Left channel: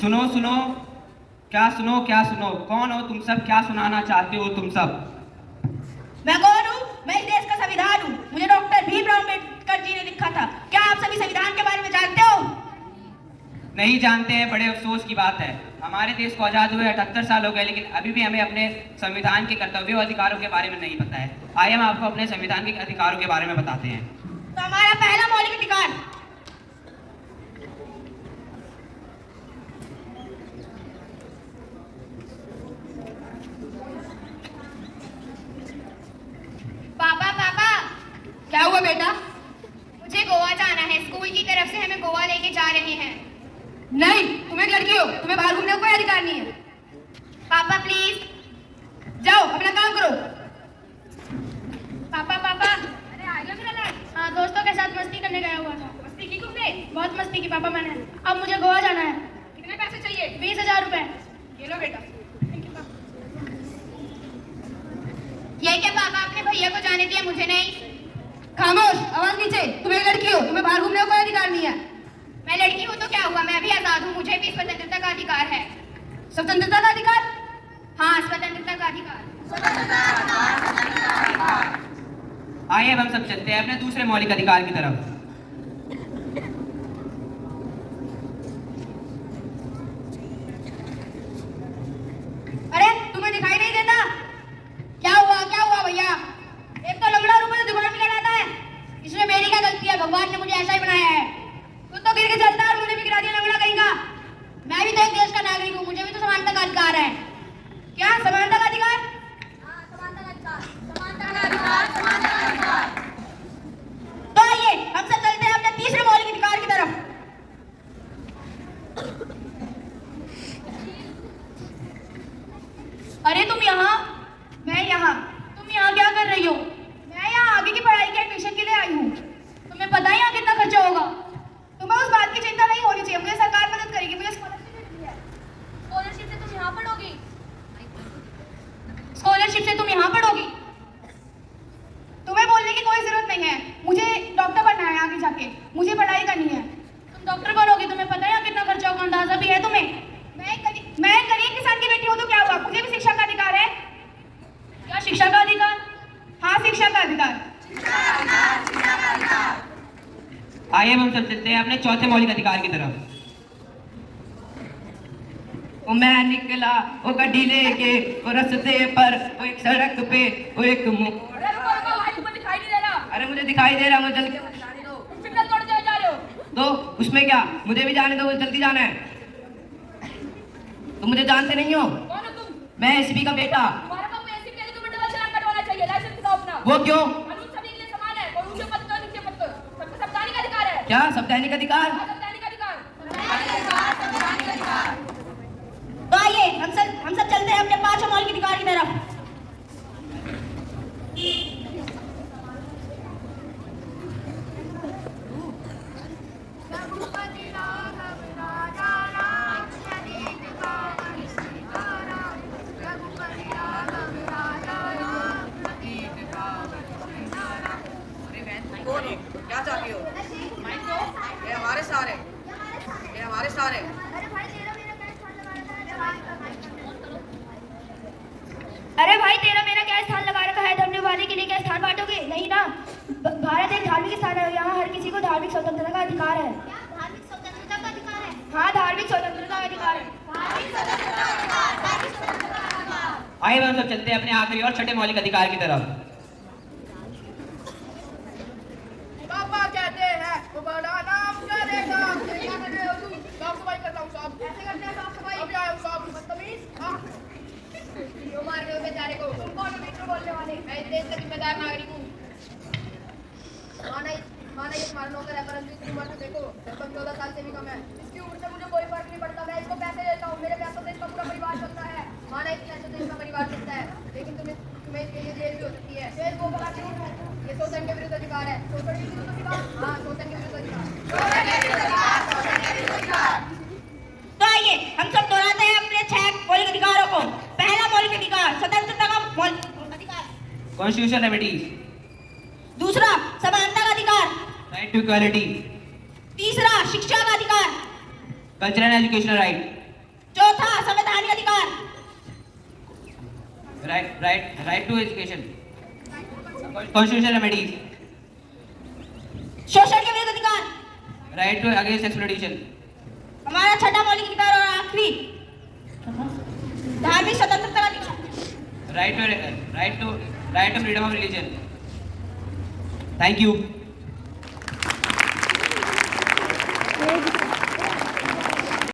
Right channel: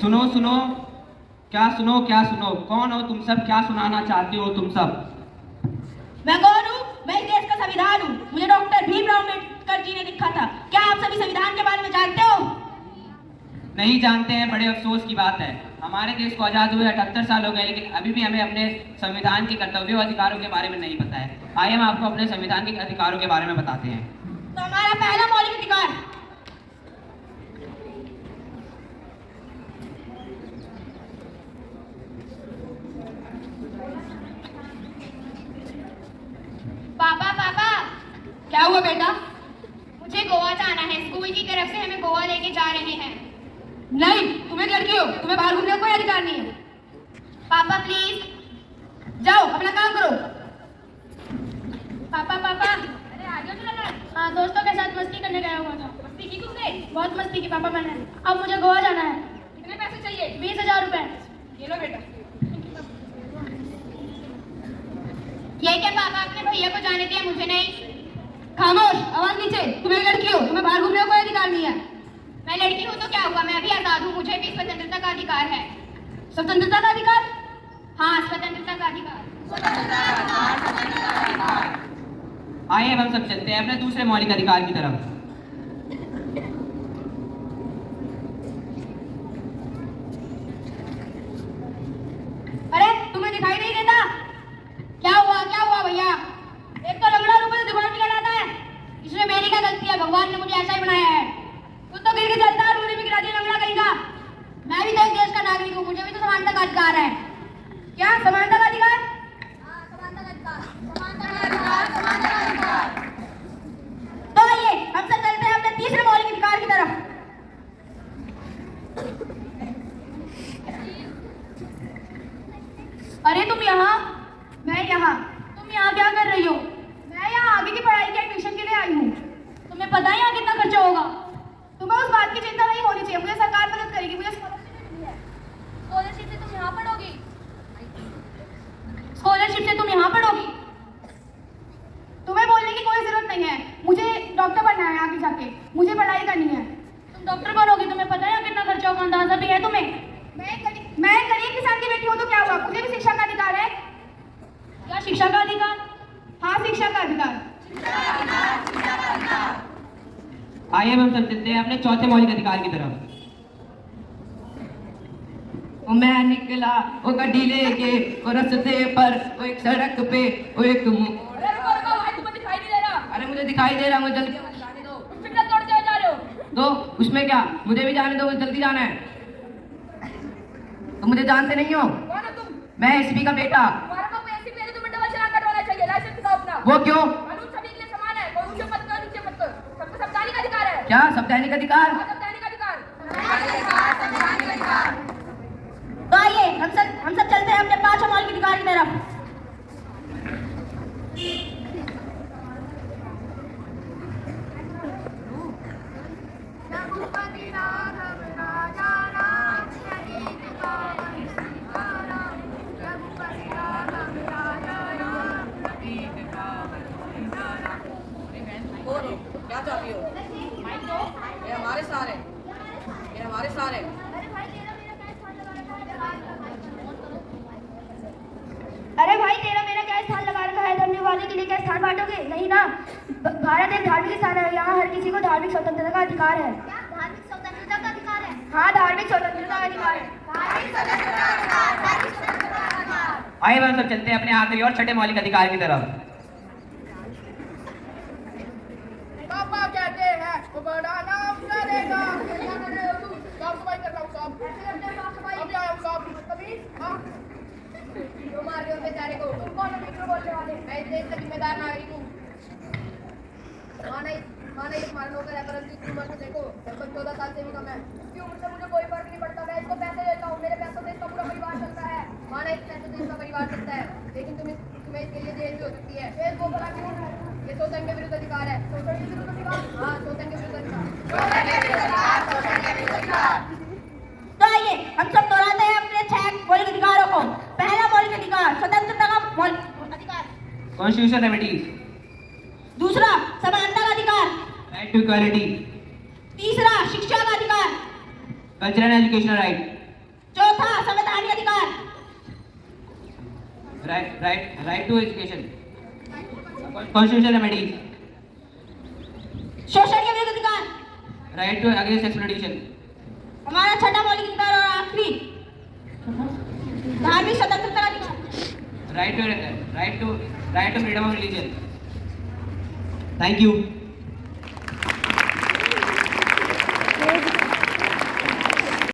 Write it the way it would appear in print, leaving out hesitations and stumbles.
सुनो सुनो, क्या सुनो क्या सुनो, कौन हो तुम सब, क्या सुनाना चाहते हो तुम सब? मैं कौन हूँ? मैं इस देश का संविधान हूँ। मुझे डॉक्टर भीमराव अम्बेडकर जी ने लिखा था। क्या आप सभी संविधान के बारे में जानते हो? नहीं जानते हैं, बड़े अफसोस की बात है। हमारे देश को आज़ाद हुए 78 साल हो गए, लेकिन अभी भी हमें अपने संविधान के कर्तव्यों और अधिकारों के बारे में नहीं पता है। आइए हम आपको अपने संविधान के अधिकारों के बारे में बताते हैं। तो हमारा पहला मौलिक अधिकार, पापा पापा, क्या हुआ बेटा? मुझे गोवा जाना है। स्कूल की तरफ से हमें गोवा लेके जा रहे हैं। नहीं, तुम एक लड़की हो, तुम्हें बाहर घूमने का कोई अधिकार नहीं है। पापा प्लीज। जाओ अपना काम करो। पापा पापा, अरे आ जाओ चलो। हाँ, दोस्तों के साथ मस्ती करने गया हुआ था। मस्ती की तुमने? बहुत मस्ती की पापा मैंने। अब मुझे गोवा जाना है। कितने पैसे चाहिए? 20,000 रुपए। ये लो बेटा। ये क्या पापा, अपने भैया को जाने दिया, मुझे नहीं? खामोश, आवाज नीचे। तुम एक लड़की हो, तुम्हें बाहर घूमने का कोई अधिकार नहीं है। मैं लड़की हूँ तो क्या हुआ, मैं भी आजाद हूँ, मुझे भी स्वतंत्रता का अधिकार है। स्वतंत्रता का अधिकार? हाँ, स्वतंत्रता का अधिकार। आइए अब हम सब चलते हैं अपने दूसरे मौलिक अधिकार की तरफ। अरे तुम्हें दिखाई नहीं देता? क्या हुआ भैया? एक तो लंगड़ा ऊपर से दिमाग निकल आता है। इसमें मेरी क्या गलती है? भगवान ने मुझे ऐसा ही बनाया है। तू तो गिर के चलता है और मुझे भी गिरा दिया लंगड़ा कहीं का। मैं भी तो एक देश का नागरिक हूँ, मुझे भी तो समानता का अधिकार है। क्या समानता का अधिकार? हाँ, समानता का अधिकार, समानता का अधिकार, समानता का अधिकार। तो आइए हम सब चलते हैं अपने तीसरे मौलिक अधिकार की तरफ। अरे तुम यहाँ, मैं यहाँ, तुम यहाँ क्या कर रही हो? मैं यहाँ आगे की पढ़ाई के एडमिशन के लिए आई हूँ। तुम्हें पता है यहाँ कितना खर्चा होगा? तुम्हें उस बात की चिंता नहीं होनी चाहिए, मुझे सरकार मदद करेगी, मुझे स्कॉलरशिप मिली है। स्कॉलरशिप से तुम यहाँ पढ़ोगी? स्कॉलरशिप से तुम यहाँ पढ़ोगी? तुम्हें बोलने की कोई जरूरत नहीं है। मुझे डॉक्टर बनना है आगे जाके, मुझे पढ़ाई करनी है। तुम डॉक्टर बनोगी, तुम्हें पता है यहाँ कितना खर्चा होगा, अंदाजा भी है तुम्हें? मैं गरीब किसान की बेटी हूँ तो क्या हुआ? मुझे भी शिक्षा का अधिकार है। क्या शिक्षा का अधिकार? हाँ, शिक्षा का अधिकार। आइए हम सब चलते हैं अपने चौथे मौलिक अधिकार की तरफ। मैं निकला वो गड्डी लेके वो रस्ते पर वो एक सड़क पे वो एक दिखाई नहीं दे रहा। अरे मुझे दिखाई दे रहा, मुझे जल्दी जाने दो, तुम सिग्नल तोड़ के जा रहे हो। दो। उसमें क्या, मुझे भी जाने दो, मुझे जल्दी जाना है। तुम मुझे जानते नहीं हो? कौन हो तुम? मैं एसपी का बेटा। तुम्हारा काम ऐसी पहले तुम्हें डबल चालान कटवाना चाहिए। लाइसेंस दिखाओ अपना। वो क्यों? कानून सभी के लिए समान है, कोई ऊंचे मत कर नीचे मत कर, सबको संवैधानिक अधिकार है। क्या संवैधानिक अधिकार? हाँ, संवैधानिक अधिकार। तो आइए हम सब चलते हैं अपने पांचों मौलिक अधिकार की तरफ। क्या चाहती हो? ये हमारे सारे, ये हमारे सारे। अरे भाई तेरा मेरा क्या स्थान लगा रखा है? धन्यवाद के लिए क्या स्थान बांटोगे? नहीं ना, भारत एक धार्मिक स्थान है, यहाँ हर किसी को धार्मिक स्वतंत्रता का अधिकार है। क्या धार्मिक स्वतंत्रता का अधिकार है? हाँ, धार्मिक स्वतंत्रता का अधिकार है। आइए हम सब चलते हैं अपने आखिरी और छठे मौलिक अधिकार की तरफ। पापा कहते हैं वो बड़ा नाम करेगा। क्या कर रहे हो तुम? साफ सफाई कर रहा हूँ साहब। कैसे करते हैं साफ सफाई? अभी आया हूँ साहब। बदतमीज। हाँ, क्यों मार रहे हो बेचारे को? तुम कौन हो मित्र बोलने वाले? मैं इस देश का जिम्मेदार नागरिक हूँ। माना ये तुम्हारा नौकर है, परंतु इसकी उम्र तो देखो, लगभग 14 साल से भी कम है। इसकी उम्र से मुझे कोई फर्क नहीं पड़ता। मैं इसको पैसे देता हूँ, मेरे पैसों से इसका पूरा परिवार चलता है। माना इस पैसों से इसका परिवार चलता है, लेकिन तुम्हें इसके लिए जेल भी हो सकती है। जेल वो भला क्यों? ये शोषण के विरुद्ध अधिकार है। शोषण के विरुद्ध अधिकार? हाँ, शोषण के विरुद्ध अधिकार। तो आइए हम सब दोहराते हैं अपने 6 मौलिक अधिकारों को। पहला मौलिक अधिकार, स्वतंत्रता का मौलिक अधिकार। Constitutional remedies. दूसरा, समानता का अधिकार। Right to equality. तीसरा शिक्षा का अधिकार, कल्चरल एंड एजुकेशनल राइट, चौथा संवैधानिक अधिकार, right to education, constitutional remedies, शोषण के विरुद्ध अधिकार, राइट टू अगेंस्ट एक्सप्लॉइटेशन, हमारा छठा मौलिक अधिकार और आखिरी धार्मिक स्वतंत्रता का अधिकार। Right to freedom of religion. Thank you.